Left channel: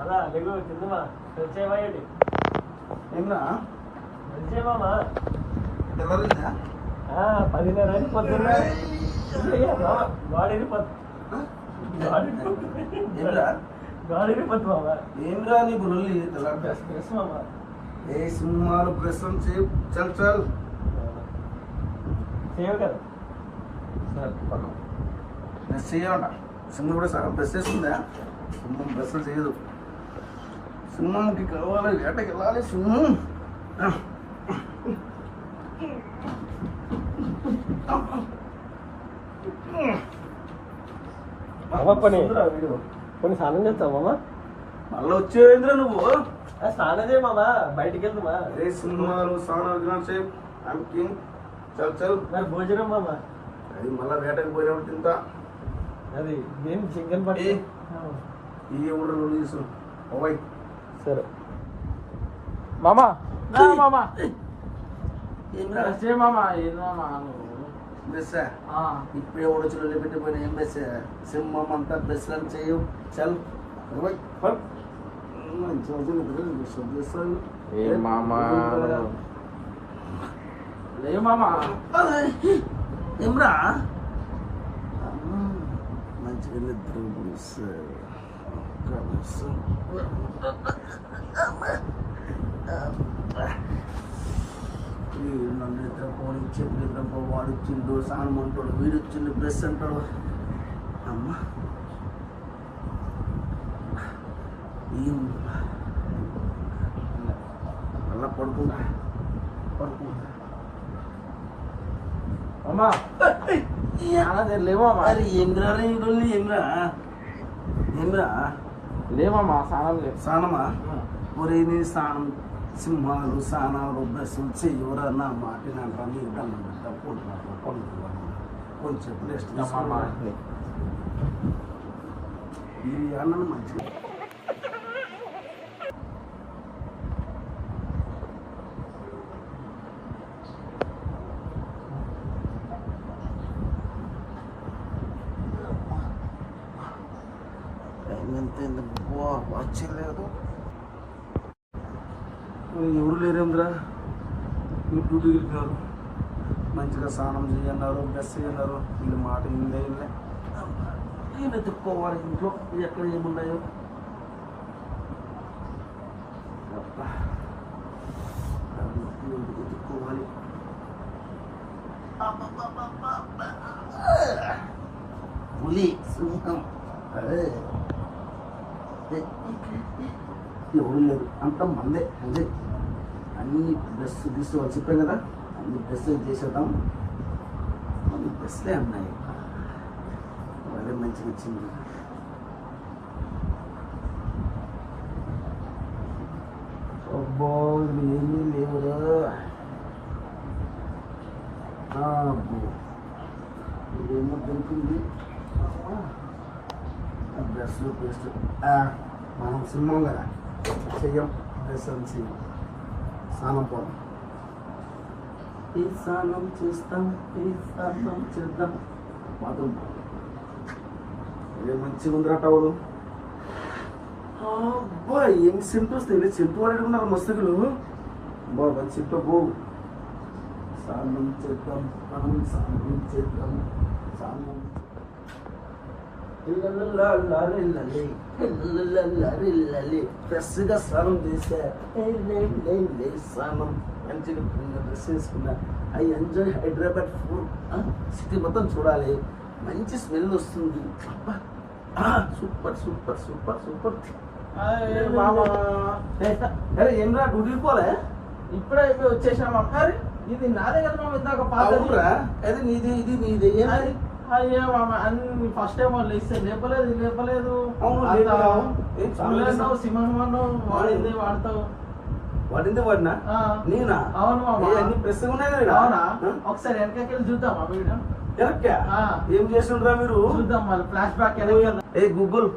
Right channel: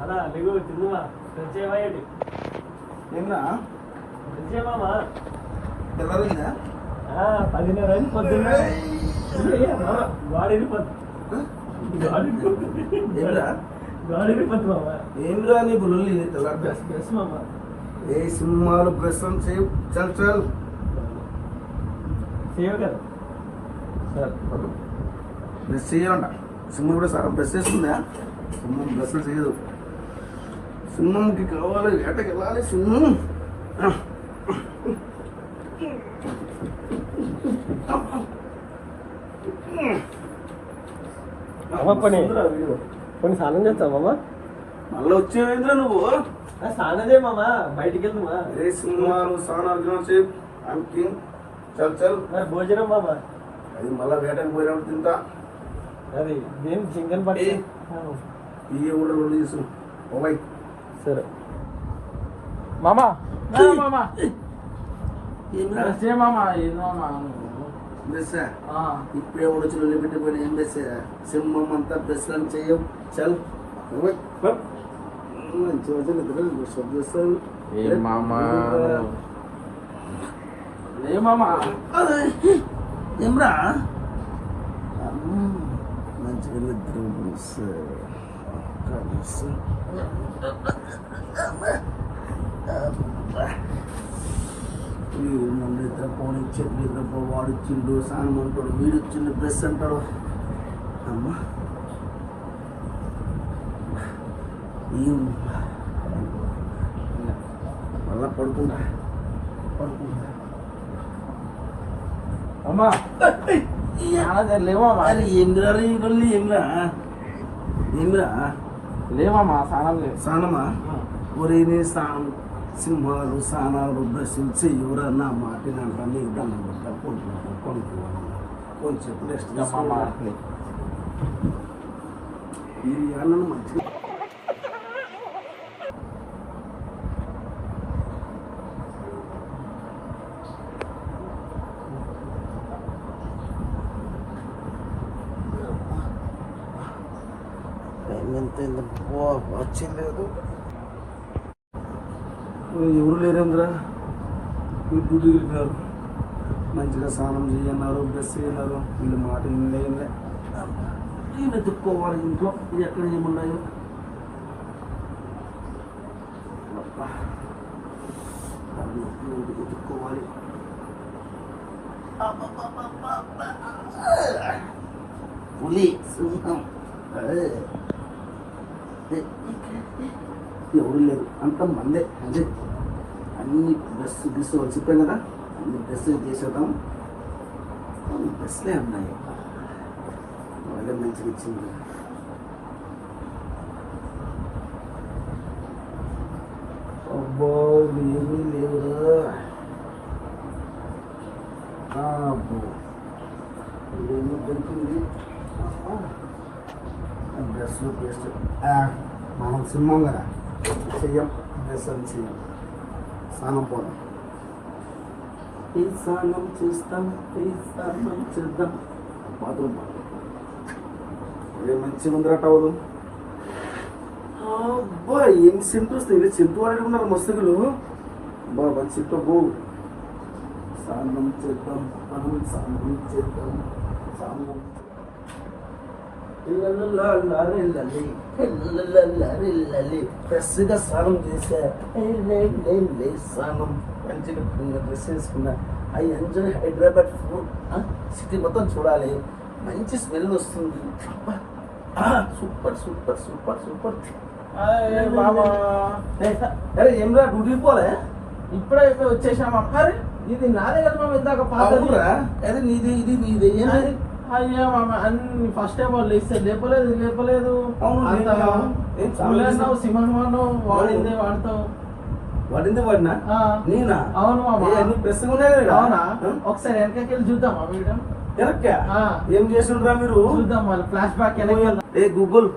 అలా లేవు తిందుమా ఏమయ్యండి ఏమరా మామా తెల్లరిందా 10:30 అయింది పొద్దున్న గాడిని పొద్దు మామా ఏమిరా నీ బుల్లి తెల్ల బ్రష్ మామా ఏ సినిమాలు బ్రష్ అని సేవ్ చల్ చల్ సేవ్ కదా సార్ బ్రష్ చేయాలంట సింహం కూడా సార్ బ్రష్ చేస్తుందా సింహం బ్రష్ చేయదు సింహంకి కావాలి వేటకి వెళ్ళాలి సింహం కొన్ని స్నానం చేస్తావు మామా మళ్ళీ వచ్చేవేంద్రా నువ్వు స్నానం చేయ మామా బయటికి వెళ్తుమా ఏ సింహాలు స్నానాలు సేవ్ ఐమ్ కింగ్ చల్ చల్ మరి భోజనం మామా అది మళ్ళీ వేటకి పోయినప్పుడు తింటా అది నేను చింగన్ పట్టి ఈ ఊళ్ళో రెండు తీసు ఓవై సరే మామా మామా మామా బెస్ ఇప్పుడే ఉండొచ్చు వెళ్ళి పెట్టిపోయిన ఏం బెస్ సింహం అంతా బెస్ అని చెయ్యవు చల్ మంచి చేస్తాను మామా ఏమ్రా మంచిగా నిద్ర నిద్రపోనిచ్చి నిద్రపో వాడు ఇచ్చిండు సానం అంటాడు వీడు ఇచ్చిండు బ్రష్ అంటాడు అమ్మా ఏం మళ్ళా పడుకుంటా అమ్మా లేవా అది ఏంద్రా ఏమ్రా ఏమ్రా లేవమ్మా స్నానం లేదు స్నానమా ఒరే నీ స్నానం సింహాలు స్నానాలు బ్రష్లు చెయ్యురా నా మాట కొంచెం రెస్ట్ ఈ అన్నను మంచిగా వచ్చలేదు ఎవరు లేరేంద్రా డ్యూటీ వెళ్ళిపోయారు మంచిగా స్నానం చేయన్నారు బ్రష్ చేయన్నారు వీళ్ళు మాట నేను వెతుక్కోవాలి ఇంట్లో ఎక్కడ ఏమున్నాయో వెతుక్కోవాలి పులి సింహం ఎవరు లేదు అంత మందే అదే అన్ని డ్రెస్ తీసుకోవాలి చెప్పాం కదా అన్ని డ్రెస్ చేసేద్దాం అన్ని డ్రెస్లే అన్నాయి వెదర్ మంచిగా వచ్చింది అబ్బో ఏమీ లేవురా అబ్బో ఇదేమో దొరికింది డ్రెస్ పేస్ట్ మనం సింహం కదా చెయ్యం డ్రెస్ అని చెయ్యం స్నానం పోదాం ఈ స్నానం చేస్తాం ఈ స్నానం చేద్దాం బాత్రూమ్ మంచిగా ఉందిరా టవలు అబ్బా ఏం సింటు వస్తాయి సింటు వాడుకున్నారు మస్తులు బా మంచి సింటు బో స్నానం చేద్దాం స్నానం చేద్దాం స్నానం ఫ్రెష్గా స్నానం చేసా స్నానం మంచిగా డ్రెస్ వేసుకున్నా I enjoy Hyderabad food city మొత్తం చూడాలి మంచి స్మెల్ వస్తుంది సూపర్ సూపర్ సూపర్ సూపర్ అరే ఏమరా డ్యూటీకి పోలే ఇప్పుడే వచ్చేసామా అరే ఇది నాదే కదా మామ ఇందాక పాత అదే నీది ఇది నీది అయ్యా మామ అన్ని ఫస్ట్ టైం వాళ్ళు ఇస్తే లేపలేదు సింహం వాడిందే వాడతావు వాడిందే వాడినా నేనా అవును మామ అన్ని ప్రెస్ ఉన్నాయి కదా అవునా ఒకసారి వెనకకెళ్ళి చూద్దాం ఆ వీడియో వెనక్కా ఏం చేస్తుండ్రా మీరు చూద్దాం మళ్ళీ ఫ్లాష్ బ్యాక్ ఏ గూగుల్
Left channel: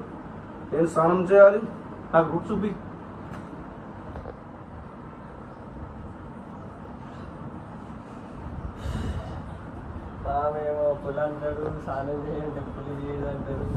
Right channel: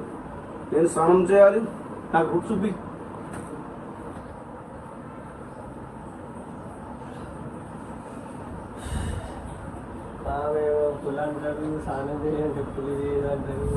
నేను స్నానం చేయాలి నాకు రూట్ చూపి మేము పులి అంటాడు, స్నానం చేయండి పులి అంటాడు.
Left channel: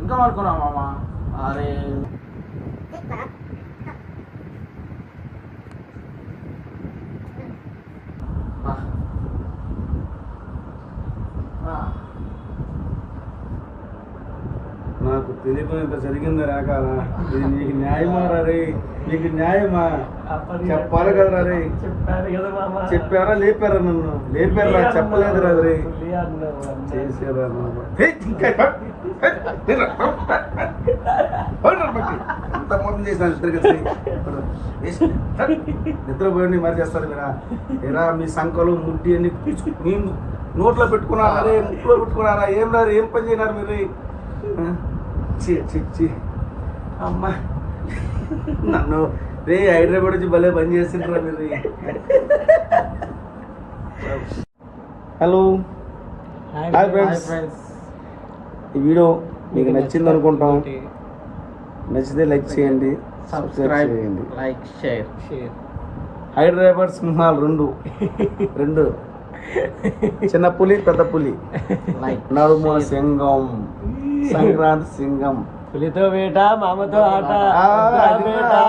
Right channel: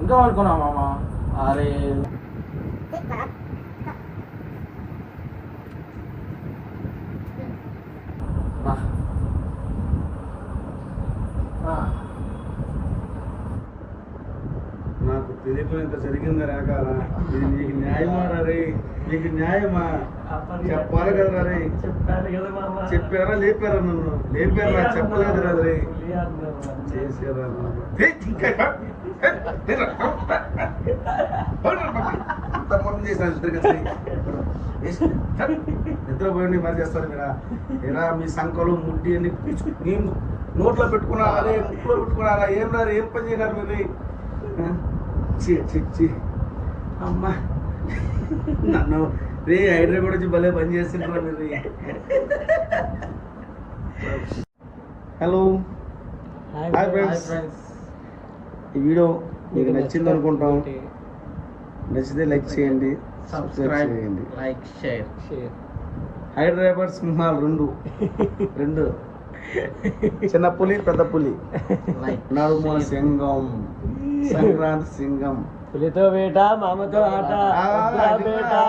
ఇంకా పడుకున్నా మామ. అరే బా. నాకు తెలియకునేంత జరిగింది రాకారా. ఇది నీకు న్యాయమా రే? నీకు న్యాయమా? చెప్పాలి కదరా రే. చెప్పారు కదా మామ. చెప్పారా లేపారా? నన్ను లేపారా? చెప్పలేదు రా రే. పులి అన్నావు అన్న. చేసారా మోసం చేశాను ఇద్దరు నిద్రపోయండి మరి చేస్తారు మీరా. ఎరా మీ సంకలు ముట్టి అన్ని మీ నోట్లో పెట్టుకున్నారా రే? ముట్లో పెట్టుకున్నారా? ఏం రారు? ఏం పని చేయగారు మీరు? అమ్మా నన్ను రే హైదరాబాద్ నుంచి భలే పని చేస్తుంటారా మీరు? Hello hi friends. ఈ వీడియో మీకు నచ్చింది అనుకుంటాం. నచ్చితే లైక్ చేయండి, సబ్స్క్రైబ్ చేయండి. Like share. హైదరాబాద్ సింహాలు రెండు చిన్న పులి పెద్ద పులి నడుము సింగం సంక్రాంతి సింగం పులితో వేట మామతో ఆట. ఆ, అది కూడా.